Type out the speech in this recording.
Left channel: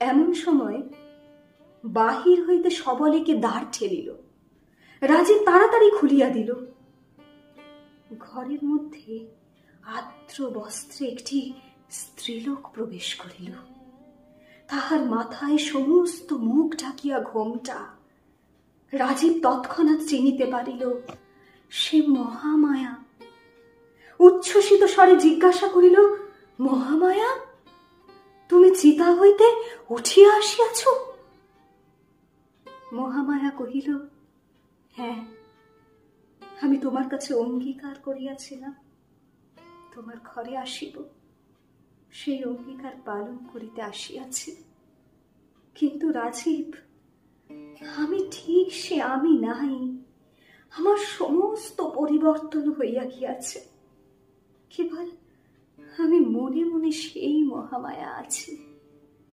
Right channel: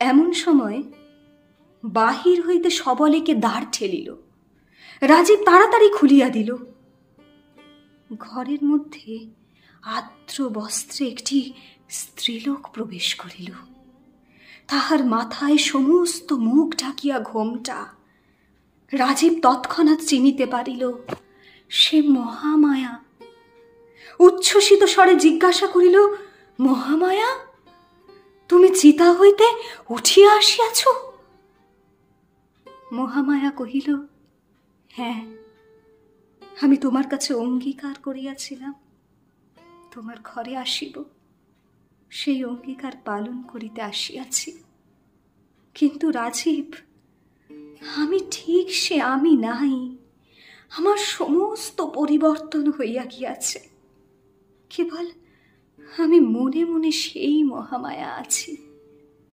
এমন সময় বাহির হইতে সবলেকে দ্বার ঠেলিল। রাজীব তাড়াতাড়ি খুলিয়া দিল। ঘরের মধ্যে আর্দ্র বস্ত্রে একটি স্ত্রীলোক প্রবেশ করিল। তাহার মাথায় সমস্ত মুখ ঢাকিয়া ঘোমটা। রাজীব তৎক্ষণাৎ চিনিতে পারিল সে মহামায়া। উচ্ছ্বসিত স্বরে জিজ্ঞাসা করিল, মহামায়া, তুমি চিতা হইতে উঠিয়া আসিয়াছ? মহামায়া কহিল, হ্যাঁ, আমি তোমার কাছে অঙ্গীকার করিয়াছিলাম তোমার ঘরে আসিব। সেই অঙ্গীকার পালন করিতে আসিয়াছি। কিন্তু রাজীব, আমি ঠিক সে আমি নাই। আমার সমস্ত পরিবর্তন হইয়া গিয়াছে। কেবল আমি মনে মনে সেই মহামায়া আছি।